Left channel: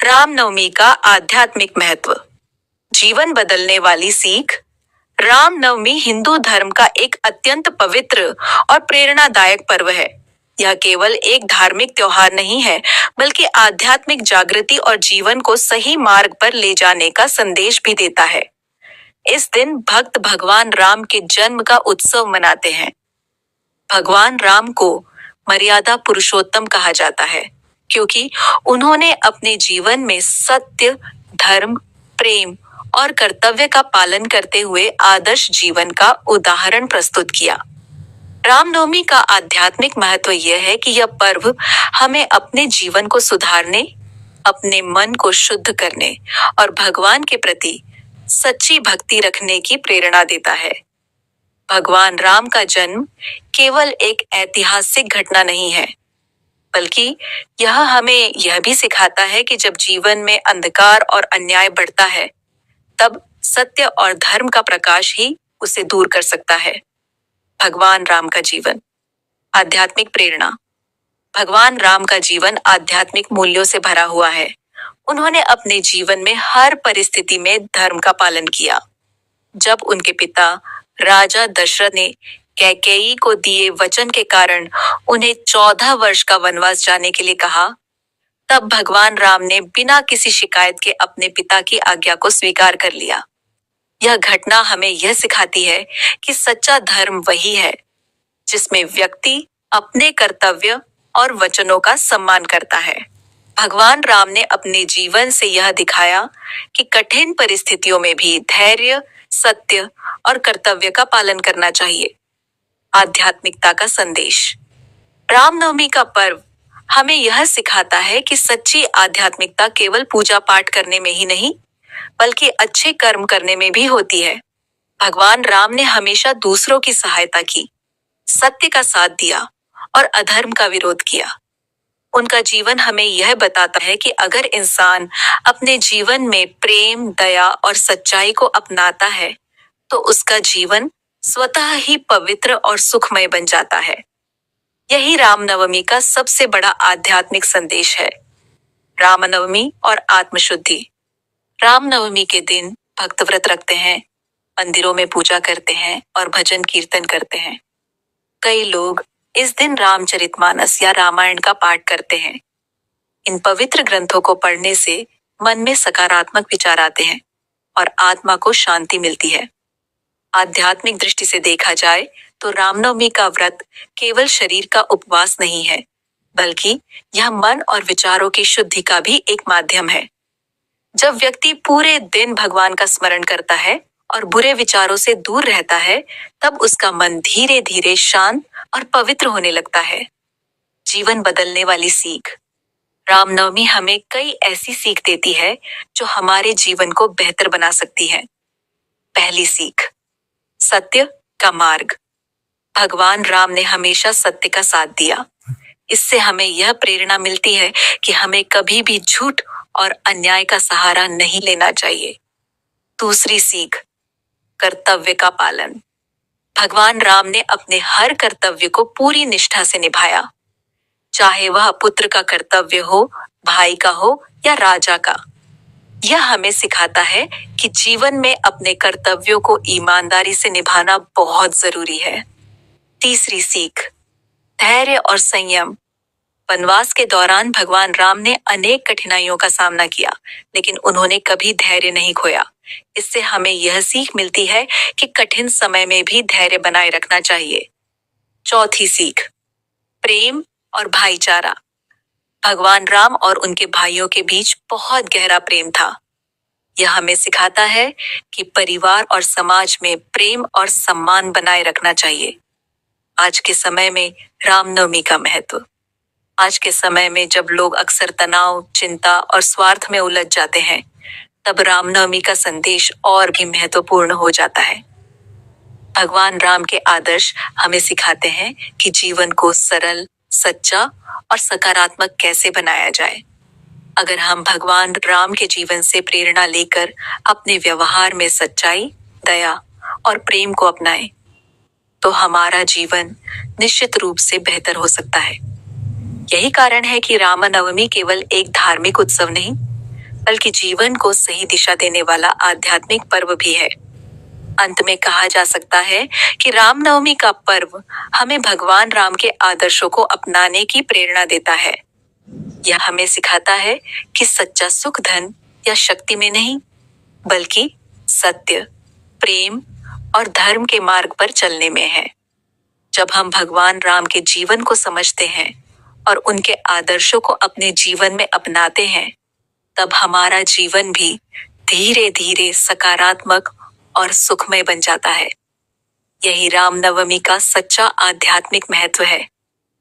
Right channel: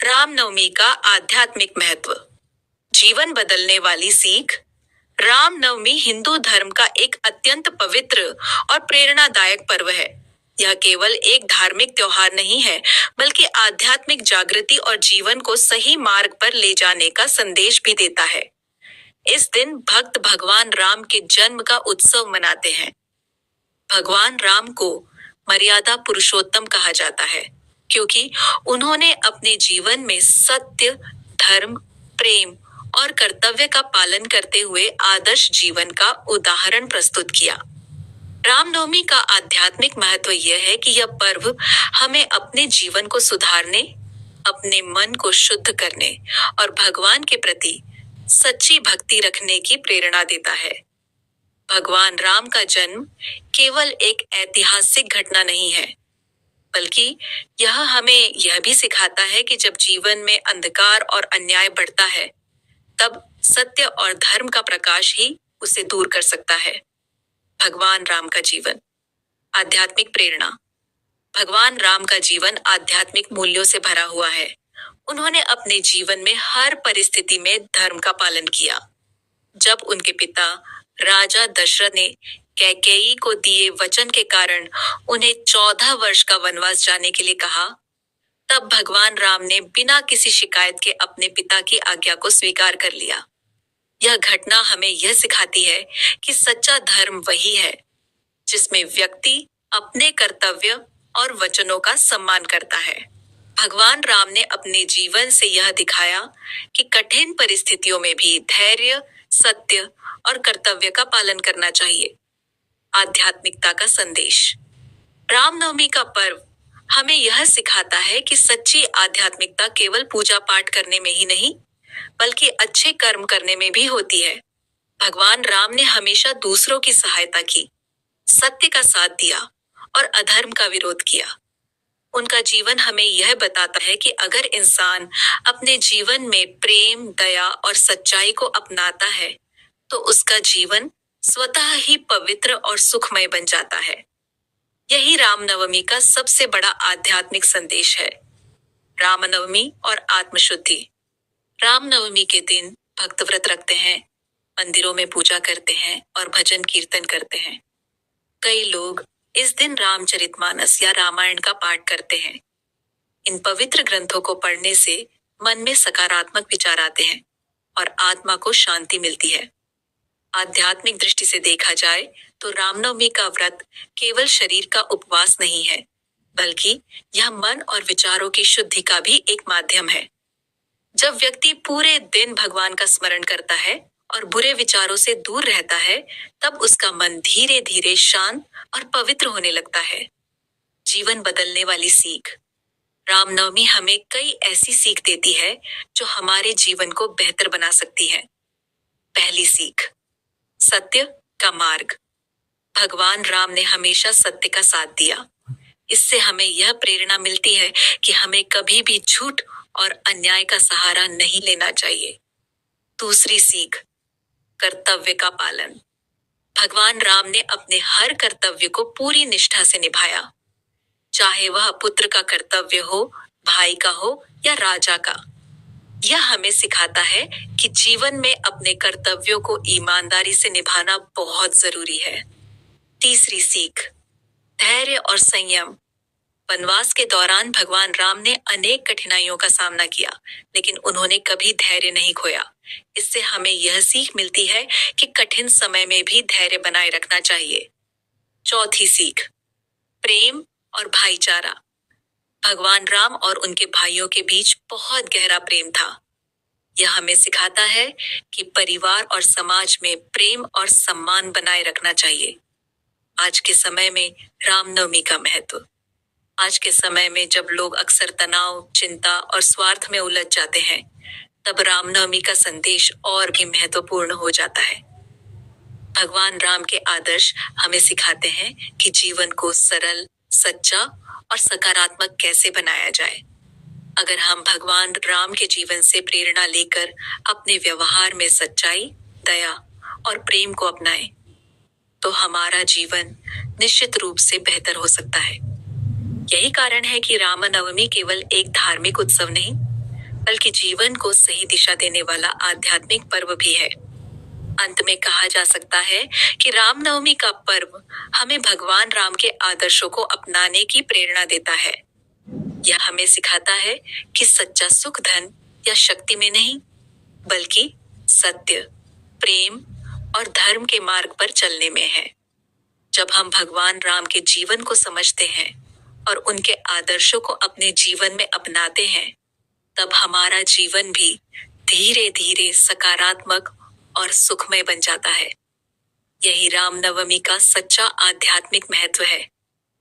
रामनवमी का आध्यात्मिक महत्व। जीवन बदलने वाली सीख। रामनवमी हिंदू धर्म का एक अत्यंत पवित्र और प्रेरणादायक पर्व है। यह केवल एक धार्मिक त्योहार नहीं है, बल्कि आध्यात्मिक जागृति और जीवन को सही मार्ग पर ले जाने का संदेश भी देता है। इस दिन भक्त भगवान राम के जन्म का उत्सव मनाते हैं। भगवान राम को मर्यादा पुरुषोत्तम कहा जाता है, क्योंकि उन्होंने अपने जीवन में सत्य, धर्म, प्रेम और कर्तव्य का पालन करते हुए आदर्श जीवन का उदाहरण प्रस्तुत किया। रामनवमी का आध्यात्मिक महत्व यह है कि यह पर्व हमें अपने जीवन को सुधारने, अपने मन को शुद्ध करने और भगवान के प्रति सच्ची भक्ति रखने की प्रेरणा देता है। भगवान राम का जन्म केवल एक ऐतिहासिक घटना नहीं है, बल्कि यह हमें यह भी सिखाता है कि जब जीवन में अंधकार और अन्याय बढ़ता है, तब सत्य और धर्म का प्रकाश ही उसे दूर कर सकता है। भगवान राम का जीवन। आध्यात्मिक प्रेरणा। भगवान राम का जीवन आध्यात्मिक मूल्यों से भरा हुआ है। उन्होंने अपने जीवन में हर परिस्थिति में धर्म का पालन किया। जब उनके पिता राजा दशरथ ने कैकेयी को दिए वचन के कारण उन्हें 14 वर्ष का वनवास जाने के लिए कहा, तब भगवान राम ने बिना किसी शिकायत के अपने पिता की आज्ञा को स्वीकार कर लिया। यह घटना हमें यह सिखाती है कि सच्चा धर्म वही है जिसमें व्यक्ति अपने कर्तव्य और वचनों का सम्मान करता है। भगवान राम ने अपने जीवन से यह दिखाया कि कठिन परिस्थितियों में भी धैर्य, सत्य और कर्तव्य का पालन करना चाहिए। आध्यात्मिकता का संदेश। रामनवमी का पर्व हमें यह सिखाता है कि सच्ची आध्यात्मिकता केवल पूजा पाठ करने में ही नहीं, बल्कि अच्छे कर्म करने में भी होती है। भगवान राम ने हमेशा दूसरों की सहायता की, सत्य का साथ दिया और अधर्म का विरोध किया। उनका जीवन हमें यह बताता है कि अगर इंसान अपने जीवन में प्रेम, दया और सच्चाई को अपनाता है, तो उसका जीवन स्वतः ही पवित्र और सुखमय बन जाता है। यही रामनवमी का सबसे बड़ा आध्यात्मिक संदेश है। रामनवमी और आत्मशुद्धि। रामनवमी के दिन भक्त व्रत रखते हैं, मंदिरों में पूजा करते हैं और भजन कीर्तन करते हैं। कई लोग इस दिन रामचरितमानस या रामायण का पाठ करते हैं। इन पवित्र ग्रंथों को पढ़ने से मन में सकारात्मक विचार आते हैं और आत्मा को शांति मिलती है। आध्यात्मिक दृष्टि से देखा जाए तो रामनवमी का व्रत केवल शरीर का उपवास नहीं है, बल्कि यह मन और विचारों की शुद्धि का भी एक माध्यम है। जब व्यक्ति पूरे दिन भगवान का स्मरण करता है और बुरे विचारों से दूर रहता है, तब उसका मन धीरे धीरे शांत और पवित्र होने लगता है। जीवन बदलने वाली सीख। रामनवमी हमें कई ऐसी सीख देती है जो हमारे जीवन को बेहतर बना सकती है। पहली सीख, सत्य का मार्ग। भगवान राम ने हमेशा सत्य का साथ दिया। इससे हमें यह प्रेरणा मिलती है कि हमें कभी भी झूठ और अन्याय का सहारा नहीं लेना चाहिए। दूसरी सीख, कर्तव्य का पालन। भगवान राम ने अपने हर कर्तव्य को पूरी निष्ठा से निभाया, चाहे वह पुत्र का कर्तव्य हो, भाई का हो या राजा का। यह हमें सिखाता है कि जीवन में अपने कर्तव्यों को ईमानदारी से निभाना बहुत जरूरी है। तीसरी सीख, धैर्य और संयम। वनवास के दौरान भगवान राम ने अनेक कठिनाइयों का सामना किया, लेकिन उन्होंने कभी धैर्य नहीं खोया। इससे हमें यह सीख मिलती है कि कठिन समय में भी धैर्य बनाए रखना चाहिए। चौथी सीख, प्रेम और भाईचारा। भगवान राम और उनके भाइयों के बीच बहुत गहरा प्रेम था। यह हमें सिखाता है कि परिवार और समाज में प्रेम और सम्मान बनाए रखना चाहिए। आज के समय में रामनवमी का महत्व। आज के समय में जब लोग अक्सर तनाव, चिंता और स्वार्थ में उलझ जाते हैं, तब रामनवमी का संदेश और भी महत्वपूर्ण हो जाता है। भगवान राम के आदर्श हमें सिखाते हैं कि जीवन को सरल, सच्चा और सकारात्मक कैसे बनाया जाए। अगर हम भगवान राम के जीवन से प्रेरणा लेकर अपने व्यवहार में सच्चाई, दया और प्रेम को अपनाएं, तो हमारा जीवन निश्चित रूप से बेहतर हो सकता है। यही कारण है कि रामनवमी केवल एक धार्मिक उत्सव नहीं, बल्कि जीवन को सही दिशा देने वाला आध्यात्मिक पर्व भी है। अंत में कहा जा सकता है कि रामनवमी का पर्व हमें भगवान राम के आदर्शों को अपनाने की प्रेरणा देता है। यह हमें सिखाता है कि सच्चा सुख धन या शक्ति में नहीं, बल्कि सत्य, प्रेम और धर्म के मार्ग पर चलने में है। जब हम भगवान राम के जीवन को समझते हैं और उनके आदर्शों को अपने जीवन में अपनाते हैं, तब हमारा जीवन भी धीरे धीरे सकारात्मक और सुखमय बन जाता है। यही रामनवमी का सच्चा आध्यात्मिक महत्व है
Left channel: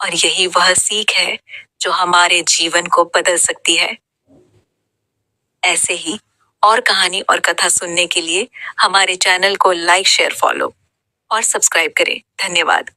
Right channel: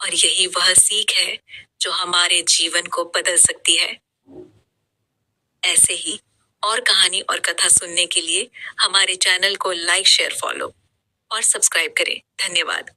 और यही वह सीख है जो हमारे जीवन को बदल सकती है। ऐसे ही और कहानी और कथा सुनने के लिए हमारे चैनल को लाइक, शेयर, फॉलो और सब्सक्राइब करें। धन्यवाद।